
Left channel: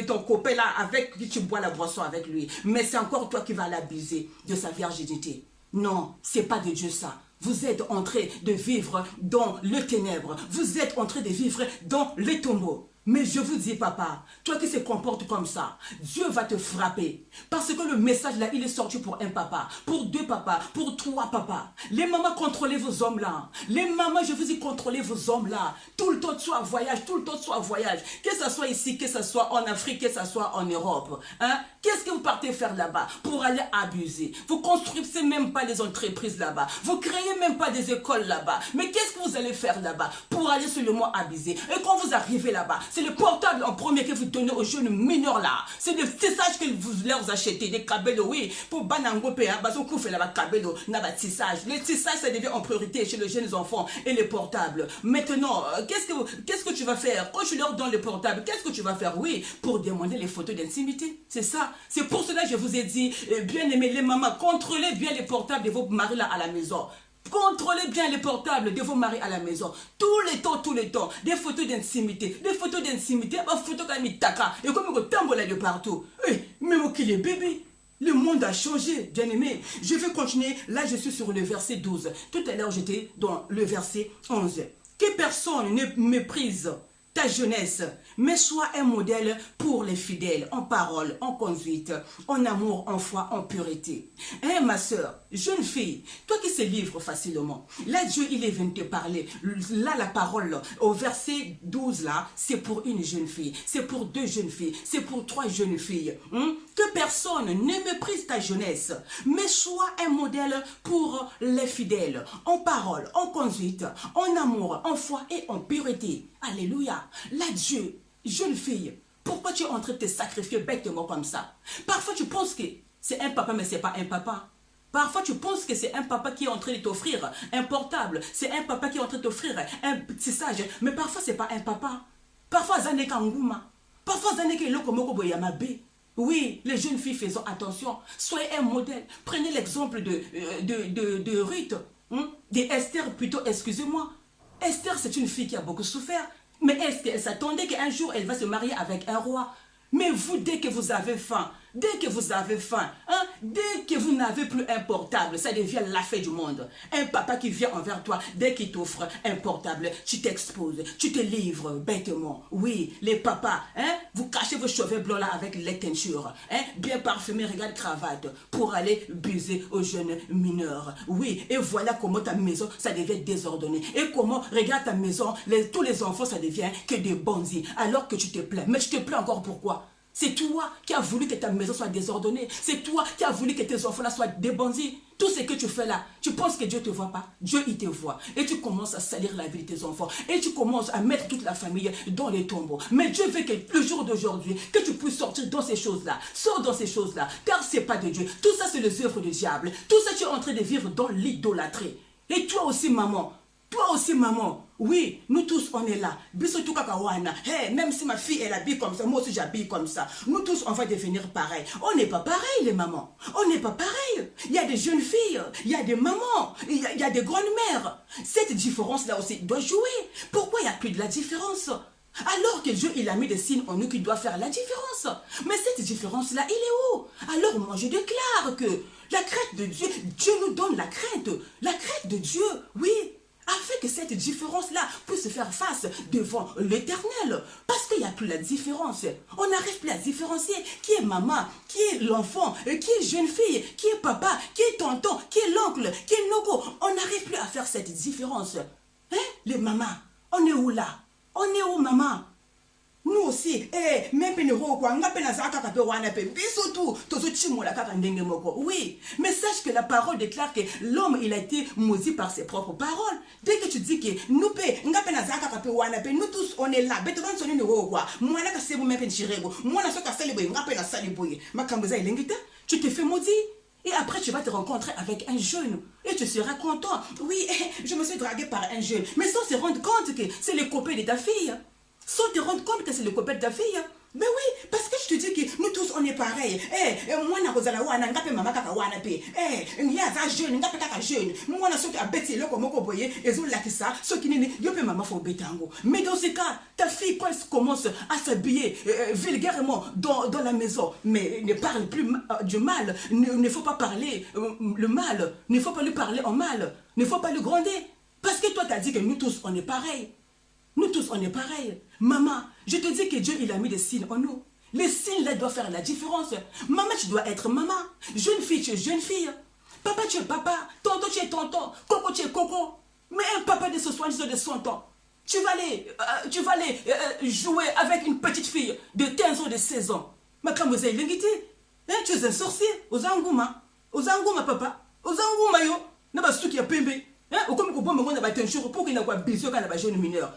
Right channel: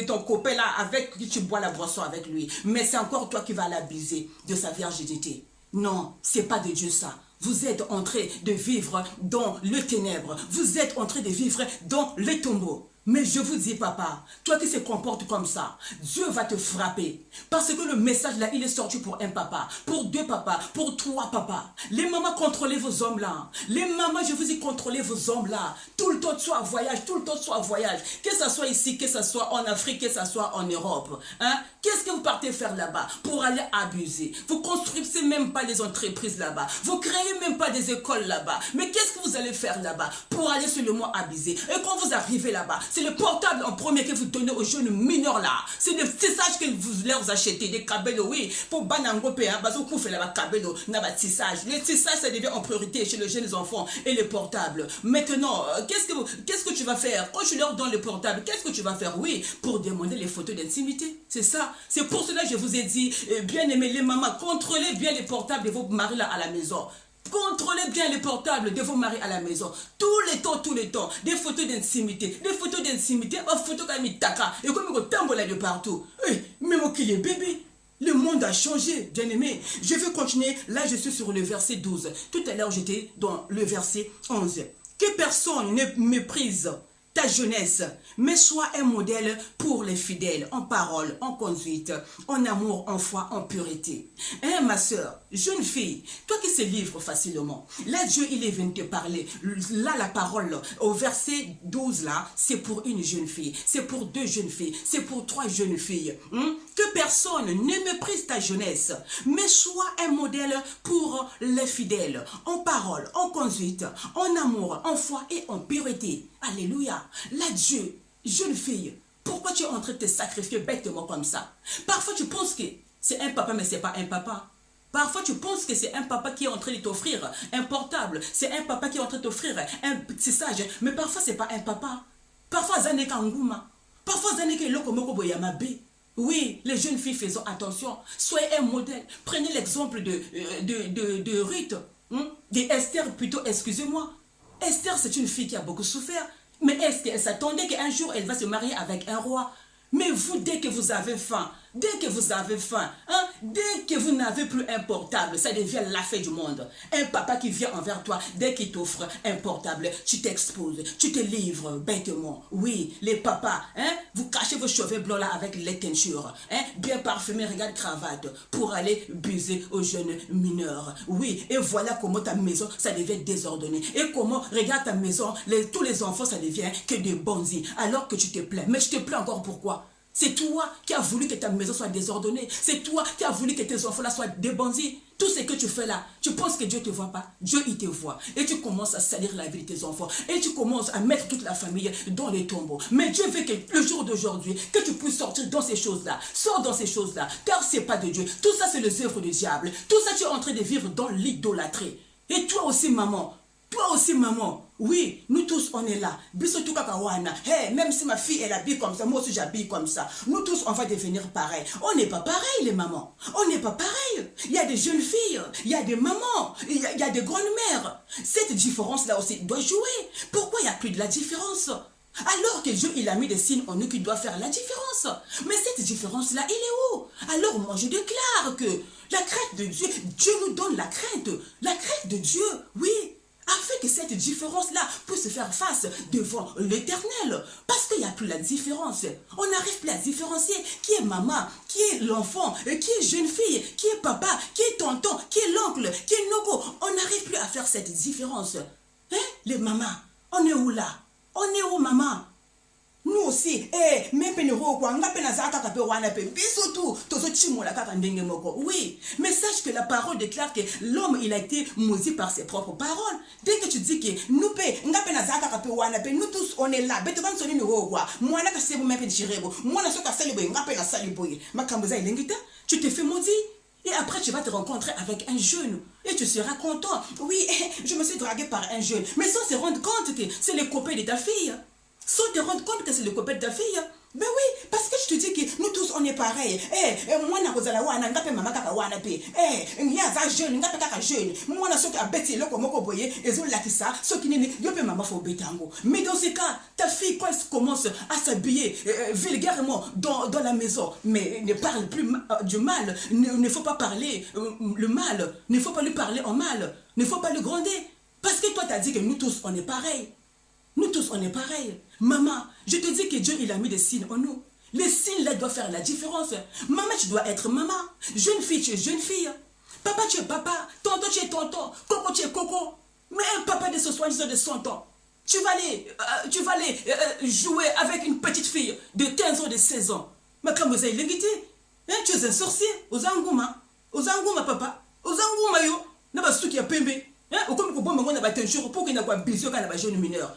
ton copain là avec qui tu bois la boisson avec lui. Mais c'est encore toi qui vas l'abuser de sa virginité. Non, c'est pas de Dieu ça. Vous êtes en train de vivre dans le ténèbre. Vous êtes en train de vivre dans les tombeaux. Mais je vous dis, papa, toi qui se comportes comme ça, Dieu va te frapper. Parce que le message là, il est sorti pour un papa, pour deux papas, pour trois papas. Les mamans, contrôlez vos hommes là. Les mamans, je vous dis, contrôlez vos hommes là. Tout le temps, soit en voyage, tout le temps, soit en voyage. Que ce soit ici, que ce soit en Afrique, que ce soit en Europe. Hein? Qu'est-ce que vous partez faire là-bas pour aller abuser? Vous construisez même pas les entreprises là-bas. Vous créez même pas des écoles là-bas. Mais qu'est-ce que vous allez faire là-bas pour aller seulement abuser? Et quand vous arrivez là-bas, c'est le portable en premier que vous donnez aux jeunes mineurs là. C'est des tissages que vous leur achetez, des cabello, oui. Pour Banangope, hein, parce qu'on fait là-bas cabello, n'a tissage. Les tissages, ça devient en priorité chez les jeunes enfants et les portables. Maintenant, qu'est-ce que tu vas faire? Quand tu leur donnes le portable, qu'est-ce que tu vas faire? Oui, pour demander les photos d'intimité. C'est ça. C'est pour cela que je vous ai dit, bien aimé les mamans, contrôlez bien les portables de vos maris là à la maison. Contrôlez bien les portables de vos maris à la maison. Tous les temps. Des photos d'intimité. Des photos d'intimité. Des photos comme Mitaka. Et comme il tambola de partout. Même qu'il est bébé. Le monde a changé, bien aimé. Je vais continuer. Là, je suis sur le verset 12. Tout à l'heure, j'étais dans le verset 11. Que personne ne méprise ta jeunesse, mais sois un modèle pour les fidèles, en parole, en conduite, en amour, en foi, en pureté. Hein, ma soeur, jeune fille, toi qui se livres facilement, là Dieu il est venu te parler. Là la parole au verset 12 là, c'est pour une jeune fille, c'est pour deux jeunes filles, c'est pour trois jeunes filles. Que personne ne méprise ta jeunesse, mais sois un modèle pour les fidèles, en parole, en conduite, en amour, en foi et en pureté. Alléluia. Là Dieu, jeune fille, pourquoi tu es en train de te sacrifier bêtement comme ça? Parfois tu penses que c'est un papa mais c'est pas un papa. Parfois, tu penses que c'est un papa qui est en train de t'offrir un portable. C'est un papa qui est en train de t'offrir un petit sage. Mais parfois, c'est pas un papa. Parfois, ça n'est qu'un gouma. Parfois, ça n'est que oui, les jeunes filles, faisons attention. Soyez un modèle. Prenez l'exemple de Ruth. Esther, plutôt, excusez-moi. Esther, c'est une fille qui a beaucoup souffert. Mais est-ce qu'elle s'attendait qu'un jour, elle va se marier avec un roi? Mais vous, dès que vous avez faim, dès que vous n'avez plus un portable, ça devient la fête du monde. Un papa qui vient envers toi, dès qu'il t'offre un portable, tu t'exposes, tu te livres bêtement. Oui, les papas, vous cachez vos cheveux blancs là avec les teintures, bien parfumés, regarde cravate, pour aller buser aux jeunes mineurs. Oui, et voilà comment ta maison, ça devient désordonné. Et comment, regarde ta maison, tous les enfants, ça devient que des bandits, alors que tu te plains. Mais tu te plains encore pourquoi? C'est toi qui as voulu que ta maison soit désordonnée. C'est toi qui as voulu que tes enfants là soient des bandits. Tout ce que tu fais là, tu penses que Dieu ne te voit pas? Dieu, il te voit. Et tu commences à salir la vie de tes enfants. Et tu commences à mettre toute la famille dans les tombeaux. Mais Dieu veut que le jour d'aujourd'hui, que tu puisses sortir dans ces choses-là. Sors dans ces choses-là. Car ce n'est pas de Dieu. Tout ça, c'est les œuvres du diable. Tout ça, tu es en train de vivre dans l'idolâtrie. Et toi aussi, maman. Toi aussi, maman. Oui, nous tous, on est là. Hey, même si ma fille, elle habille comme ça, moi aussi, j'habille comme ça. Nous tous, on va devenir pareil. On n'est pas pareil, les mamans. On n'est pas pareil. Il y a des jeunes filles, il y a des mamans, il y a des grandes-mères. Cette différence-là aussi doit jouer. Pourquoi il n'y a plus de la différence? Alors que Dieu, il a mis des signes en nous qui doivent faire la différence. Mais cette différence-là, il est où? Alors moi, je déclare que la crainte de Dieu, Dieu nous donne la crainte de Dieu, oui. Afin que cette différence-là puisse faire face devant l'Éternel. Parce qu'il n'y a plus la différence. On n'arrive plus à différencier qui est maman, qui est l'enfant, qui est jeune fille, qui est papa, qui est tonton, qui est l'oncle, qui est nogo. On n'arrive plus à faire cette différence. Les mamans, on est où là? On est où, maman? nous aussi même penero kwa ngape na zaka ka pe wana pe biso tout tozo chimola kaka ndenge moko. Oui, mais sache que la parole déclare que l'homme il a été maudit par ses propres paroles. Dès que tu dis que nous pe ngape na zaka ka pe wana pe nous tous on est là beto ban soni no kwa mwana ka sebo même pe chirebo mwana soka salibo ngape na salibo makamboza ilengita tu te fais maudit. Et après, tu vas te rencontrer avec un jeune. Et tu seras content. Oui, je me suis dragué par un jeune. Mais sans se rendre compte que c'est le copain de ta fille. Sans te rendre compte que c'est le copain de ta fille. Mais oui, parce que je te dis que nous tous on est pareil. Moi na kozala wana ngape mama kaka wana pe. Ya za jeune ngape kaka jeune. Moi na soki abeti loko moko boye ezo lakisa soki nini yo pe mama fo betango. Mais dans ce cas, ta fille quand elle commence à s'habiller vulgairement dans la maison, mais ne parle plus du mal, ne faut pas parler le mal, ne faut pas lui parler en mal, ne faut pas le gronder parce que toi tu as dit que nous tous on est pareil. Nous tous, on est pareil. Maman, je te dis que Dieu, il a mis des signes en nous. Les signes, là, doivent faire la différence. Maman, tu dois être maman. Jeune fille, tu es jeune fille. Papa, tu es papa. Tonton, tu es tonton. Coco, tu es coco. Mais un papa de 70 ans, de 100 ans, tu vas aller jouer avec une petite fille de 15 ans, de 16 ans. Mais comme vous avez l'ingité, tu es un sorcier. Ozangouma, papa. Ozangouma, yo. N'a qui a pembe. Ou comme on a battu un jour pour qu'il n'y ait pas besoin quand on a jeune mineur.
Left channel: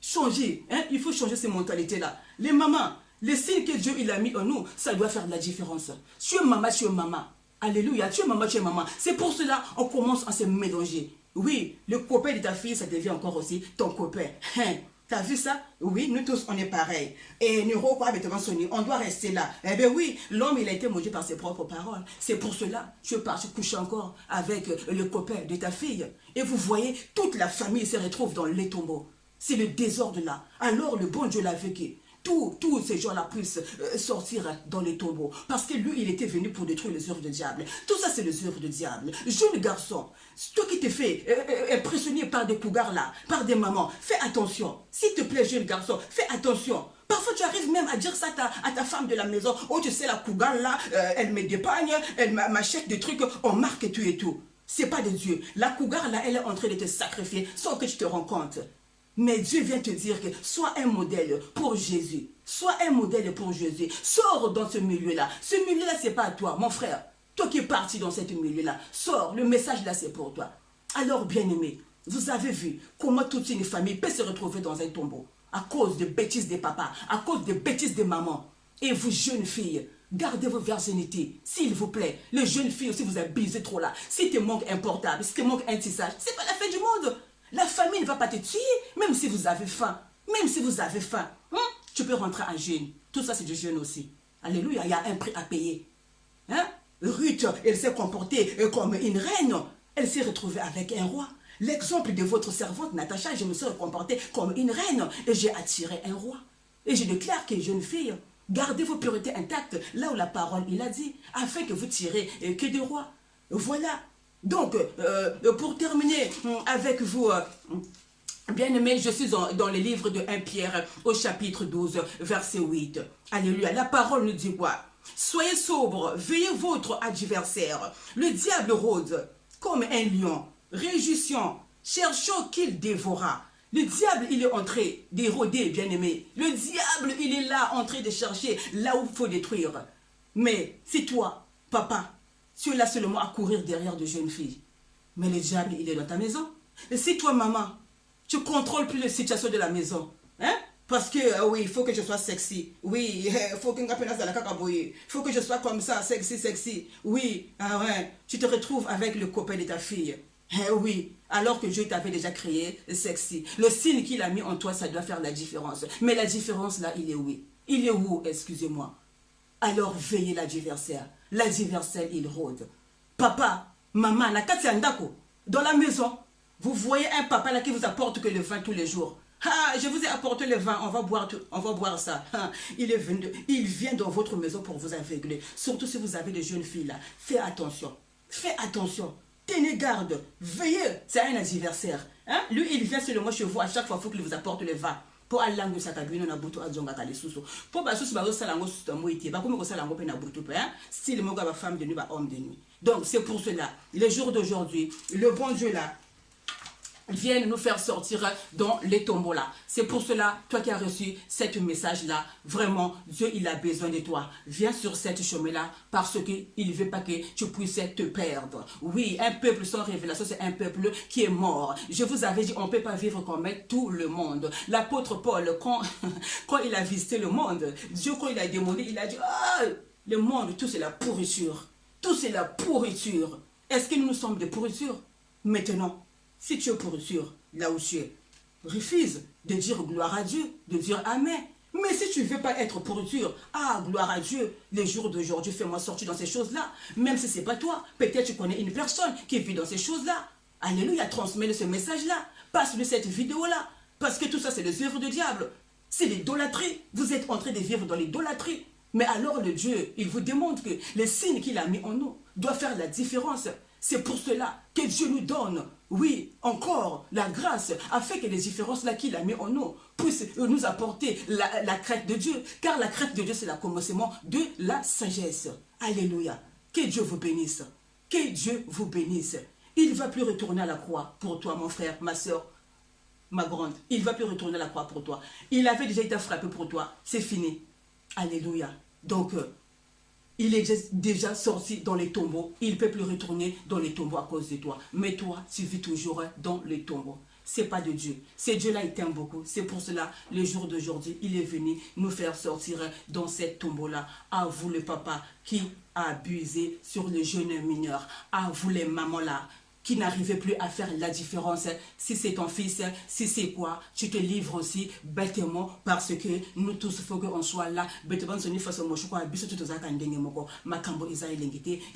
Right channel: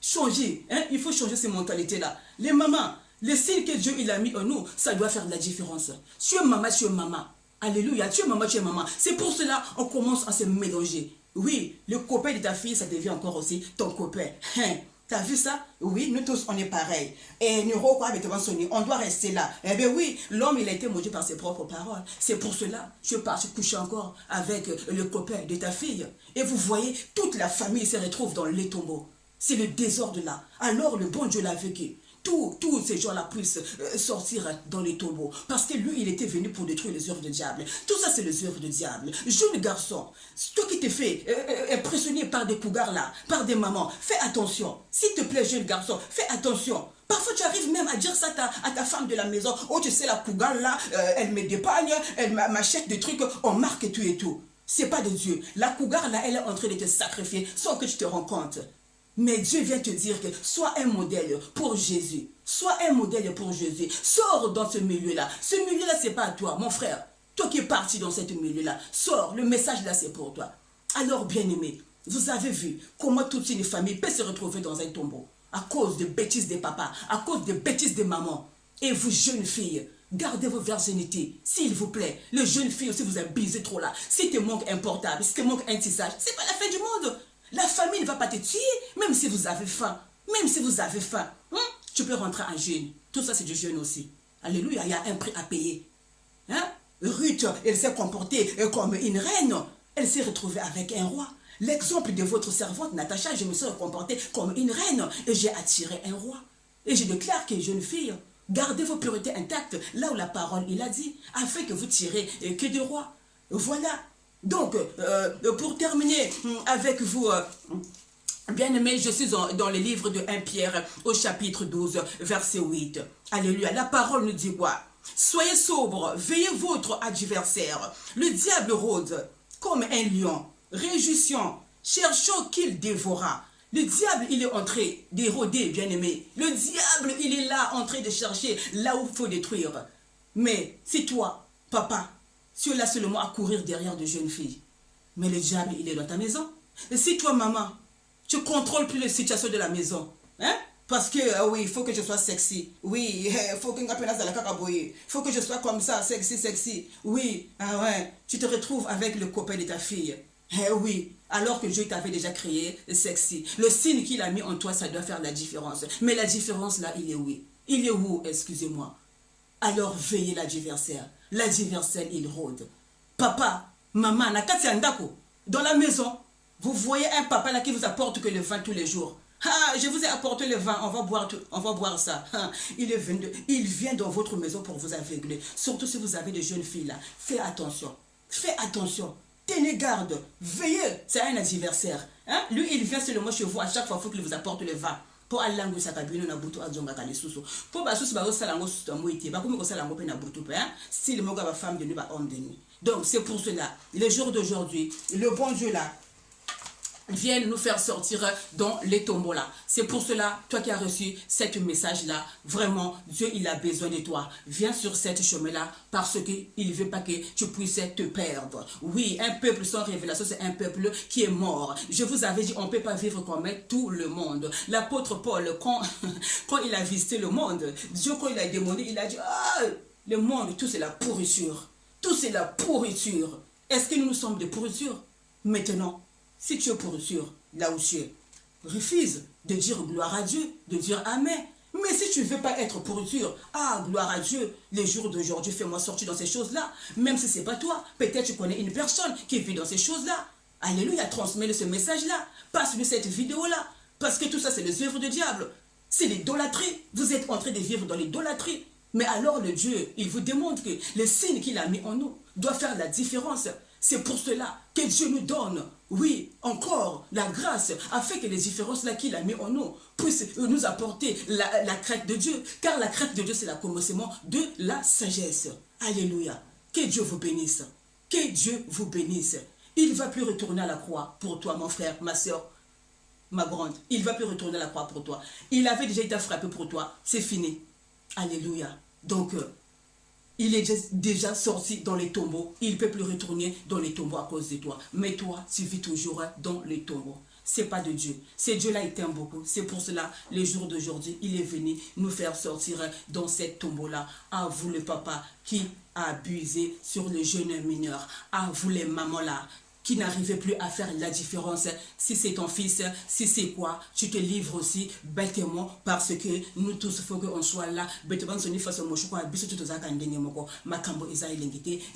Changer, il faut changer ces mentalités-là. Les mamans, les signes que Dieu il a mis en nous, ça doit faire de la différence. Tu es maman, tu es maman. Alléluia, tu es maman, tu es maman. C'est pour cela qu'on commence à se mélanger. Oui, le copain de ta fille, ça devient encore aussi ton copain. T'as vu ça? Oui, nous tous, on est pareil. Et on doit rester là. Eh bien oui, l'homme, il a été maudit par ses propres paroles. C'est pour cela, tu es parti coucher encore avec le copain de ta fille. Et vous voyez, toute la famille se retrouve dans les tombeaux. C'est le désordre là. Alors le bon Dieu l'a vécu. Tous ces gens-là puissent sortir dans les tombeaux. Parce que lui, il était venu pour détruire les œuvres du diable. Tout ça, c'est les œuvres du diable. Jeune garçon, toi qui t'es fait impressionner par des cougars là, par des mamans, fais attention. S'il te plaît, jeune garçon, fais attention. Parfois, tu arrives même à dire ça à ta femme de la maison. Oh, tu sais, la cougar là, elle me dépagne, elle m'achète des trucs, on marque tout et tout. C'est pas de Dieu. La cougar là, elle est en train de te sacrifier sans que tu te rends compte. Mais Dieu vient te dire que sois un modèle pour Jésus. Sois un modèle pour Jésus. Sors dans ce milieu-là. Ce milieu-là, c'est pas à toi, mon frère. Toi qui es parti dans ce milieu-là, sors. Le message là, c'est pour toi. Alors, bien-aimés, vous avez vu comment toute une famille peut se retrouver dans un tombeau à cause des bêtises des papas, à cause des bêtises des mamans. Et vous, jeunes filles, gardez vos virginités, s'il vous plaît. Les jeunes filles aussi, vous abusez trop là. Si te manque un portable, si te manque un tissage, c'est pas la fin du monde. La famille ne va pas te tuer, même si vous avez faim. Même si vous avez faim. Tu peux rentrer en jeûne. Tout ça, c'est du jeûne aussi. Alléluia, il y a un prix à payer. Ruth, elle s'est comportée comme une reine. Elle s'est retrouvée avec un roi. L'exemple de votre servante, Natacha, je me suis comportée comme une reine. Et j'ai attiré un roi. Et je déclare que, jeune fille, gardez vos puretés intactes, là où la parole, il a dit, afin que vous tirez que des rois. Voilà. Donc, pour terminer avec vous, bien-aimés, je suis dans le livre de 1 Pierre au chapitre 12, verset 8. Alléluia. La parole nous dit quoi? Soyez sobres, veillez votre adversaire. Le diable rôde comme un lion, rugissant, cherchant qu'il dévorera. Le diable, il est en train de rôder, bien-aimé. Le diable, il est là en train de chercher là où il faut détruire. Mais c'est toi, papa, tu es là seulement à courir derrière de jeunes filles. Mais le diable, il est dans ta maison. Et si toi, maman, tu ne contrôles plus les situations de la maison, parce que, oui, il faut que je sois sexy. Oui, il faut que je sois comme ça, sexy. Oui, tu te retrouves avec le copain de ta fille. Oui, alors que Dieu t'avait déjà créé sexy. Le signe qu'il a mis en toi, ça doit faire la différence. Mais la différence, là, il est où? Il est où, excusez-moi? Alors, veillez l'adversaire. L'adversaire, il rôde. Papa, maman, dans la maison, vous voyez un papa là qui vous apporte que le vin tous les jours. Je vous ai apporté le vin, on va boire ça. Il vient dans votre maison pour vous aveugler. Surtout si vous avez des jeunes filles là. Faites attention. Tenez garde. Veillez. C'est un adversaire. Lui, il vient seulement chez vous à chaque fois qu'il vous apporte le vin. Pour aller à na butu azonga kale susu pour ba susu ba osala ngo susu moite ba komi ko sala ngo pe na butu pe si le moga ba femme de nuit ba homme de nuit. Donc c'est pour cela le jour d'aujourd'hui le bon Dieu là viennent nous faire sortir dans les tombeaux là. C'est pour cela, toi qui as reçu ce message-là, vraiment, Dieu, il a besoin de toi. Viens sur cette chemin-là parce qu'il ne veut pas que tu puisses te perdre. Oui, un peuple sans révélation, c'est un peuple qui est mort. Je vous avais dit, on ne peut pas vivre comme tout le monde. L'apôtre Paul, quand il a visité le monde, Dieu, quand il a demandé, il a dit, ah, le monde, tout c'est la pourriture. Tout c'est la pourriture. Est-ce que nous sommes de pourriture? Maintenant, si tu es pourriture, là où tu es, refuse de dire gloire à Dieu, de dire Amen. Mais si tu ne veux pas être pourriture, ah, gloire à Dieu, les jours d'aujourd'hui, fais-moi sortir dans ces choses-là. Même si ce n'est pas toi, peut-être tu connais une personne qui vit dans ces choses-là. Alléluia, transmets ce message-là, passe-lui cette vidéo-là. Parce que tout ça, c'est les œuvres du diable. C'est l'idolâtrie. Vous êtes en train de vivre dans l'idolâtrie. Mais alors le Dieu, il vous démontre que les signes qu'il a mis en nous doivent faire la différence. C'est pour cela que Dieu nous donne, oui, encore la grâce, afin que les différences-là qu'il a mis en nous puissent nous apporter la crainte de Dieu. Car la crainte de Dieu, c'est le commencement de la sagesse. Alléluia. Que Dieu vous bénisse. Que Dieu vous bénisse. Il ne va plus retourner à la croix pour toi, mon frère, ma soeur, ma grande. Il ne va plus retourner à la croix pour toi. Il avait déjà été frappé pour toi. C'est fini. Alléluia. Donc, il est déjà sorti dans les tombeaux. Il ne peut plus retourner dans les tombeaux à cause de toi. Mais toi, tu vis toujours dans les tombeaux. Ce n'est pas de Dieu. C'est Dieu-là, il t'aime beaucoup. C'est pour cela, les jours d'aujourd'hui, il est venu nous faire sortir dans cette tombeau-là. À vous, le papa, qui a abusé sur les jeunes mineurs. À vous, les mamans-là, qui n'arrivait plus à faire la différence. Si c'est ton fils, si c'est quoi, tu te livres aussi bêtement parce que nous tous, il faut qu'on soit là. Bêtement, il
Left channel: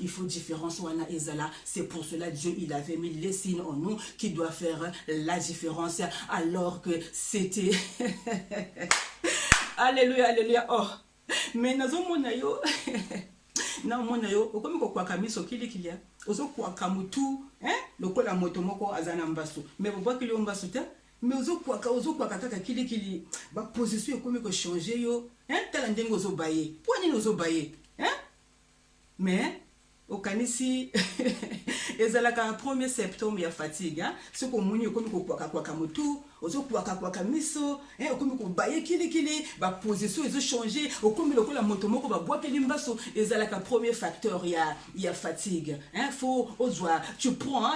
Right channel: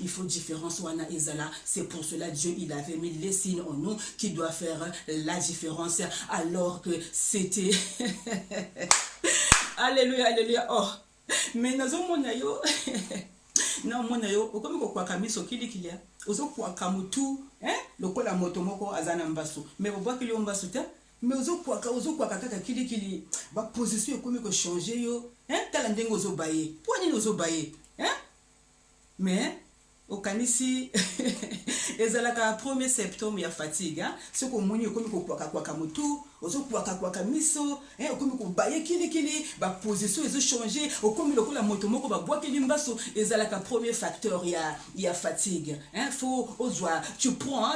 faut différence. C'est pour cela Dieu, il avait mis les signes en nous qui doivent faire la différence alors que c'était... Alléluia, alléluia. Oh, mais nous avons na mona yo okomi ko kwaka miso kilia ozo kwaka mutu lokola moto moko azana mbasu mais boba kili mbasu te mais ozo kwaka kaka kili ba position okomi ko changer yo tala ndengo ozo baye poni ozo baye mais okanisi ezalaka 1er septembre ya fatigue ce ko moni okomi ko kwaka mutu ozo kwaka miso okomi ko baye kili ba position ezo changer okomi lokola moto moko ba boa kili mbaso ezalaka premier facteur ya fatigue faut ozwa tu prends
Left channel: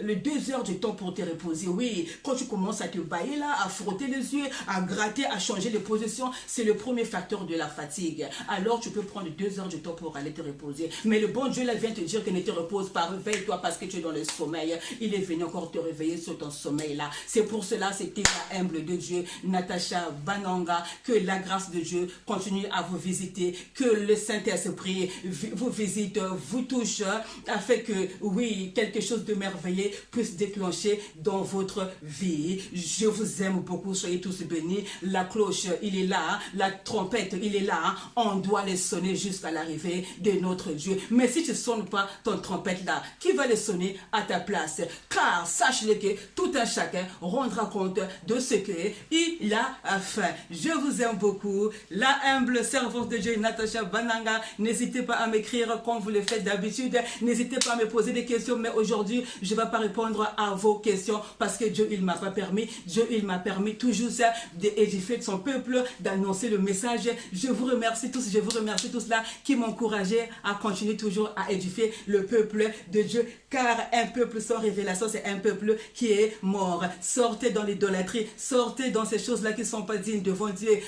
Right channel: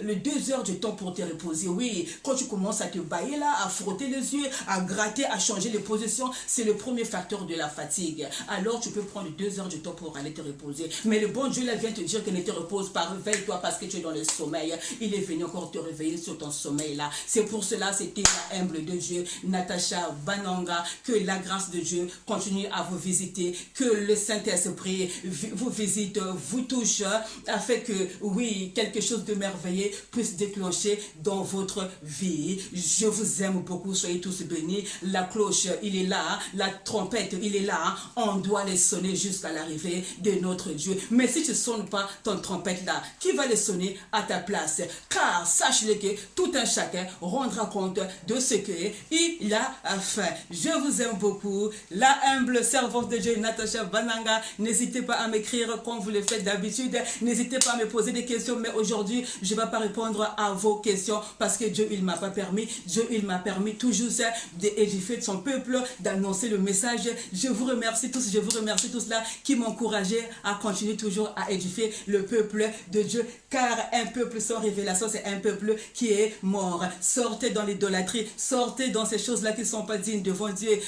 le 2 heures de temps pour te reposer. Oui, quand tu commences à te bailler là, à frotter les yeux, à gratter, à changer les positions, c'est le premier facteur de la fatigue. Alors tu peux prendre 2 heures de temps pour aller te reposer. Mais le bon Dieu là vient te dire que ne te repose pas, réveille-toi parce que tu es dans le sommeil. Il est venu encore te réveiller sur ton sommeil là. C'est pour cela, c'était la humble de Dieu, Natacha Bananga, que la grâce de Dieu continue à vous visiter, que le Saint-Esprit vous visite, vous touche, afin que, oui, quelque chose de merveilleux puisse déclencher dans votre vie. Je vous aime beaucoup, soyez tous bénis. La cloche, il est là, la trompette, il est là. On doit les sonner jusqu'à l'arrivée de notre Dieu. Mais si tu ne sonnes pas ton trompette là, qui va les sonner à ta place? Car sache-le que tout un chacun rendra compte de ce qu'il a fait. Je vous aime beaucoup. La humble servante de Dieu, Natacha Bananga. N'hésitez pas à m'écrire comme vous le faites d'habitude. N'hésitez pas à me poser des questions. Mais aujourd'hui, je ne vais pas répondre à vos questions parce que Dieu, il ne m'a pas permis. Dieu, il m'a permis toujours d'édifier son peuple, d'annoncer le message. Je vous remercie tous là qui m'encourageaient à continuer toujours à édifier le peuple de Dieu. Car un peuple sans révélation, c'est un peuple qui est mort. Sortez dans l'idolâtrie, sortez dans ces choses-là qui ne sont pas dignes devant Dieu.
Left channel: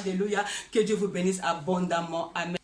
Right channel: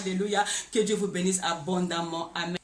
Alléluia. Que Dieu vous bénisse abondamment. Amen.